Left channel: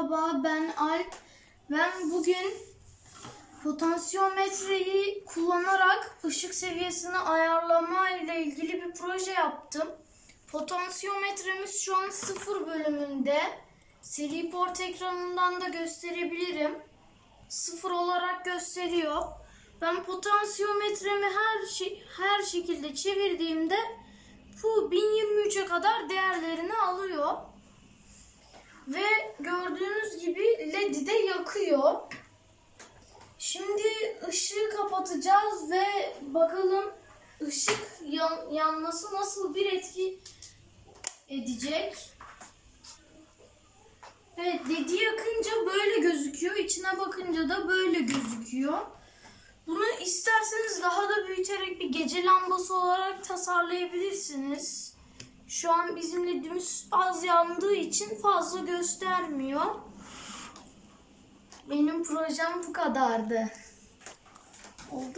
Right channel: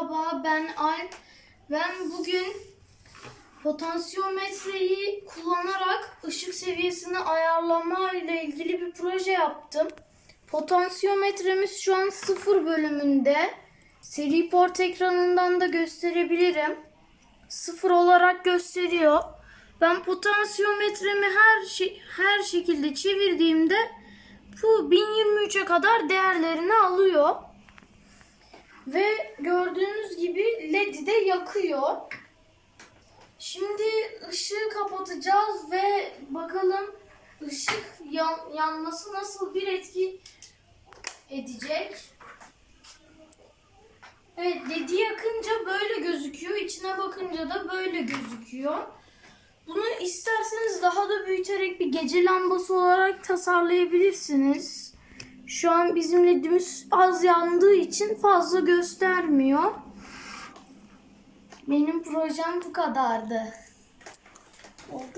Merhaba ben Alp. Ben bugün potansiyometreyi kullanarak ışık seviyesini ayarlama ile ilgili bir proje yaptım. Potansiyometremiz şu an sıfır bölümünde. Seri port ekranından da gösterebilirim. Sıfır olarak gösteriyor. Ben potansiyometremi her şey, her şekilde çevirdiğimde bu 1023'e kadar değerlerini alıyor. Ve gördüğünüz gibi LED'i de yakıyor. Şimdi ışığı kapatacağız ve bakalım ışık yan- yanması nasıl bir etki edecek. Evet LED'i yakınca böyle gözüküyor. İçine bakınca da böyle gözüküyor. Bunu isterseniz daha da büyüterek bir gece lambası olarak tasarlayabilirsiniz. Şu an bizim ledimiz az yandığı için fazla göstermiyor. Benim projem bu kadardı. Oldu mu?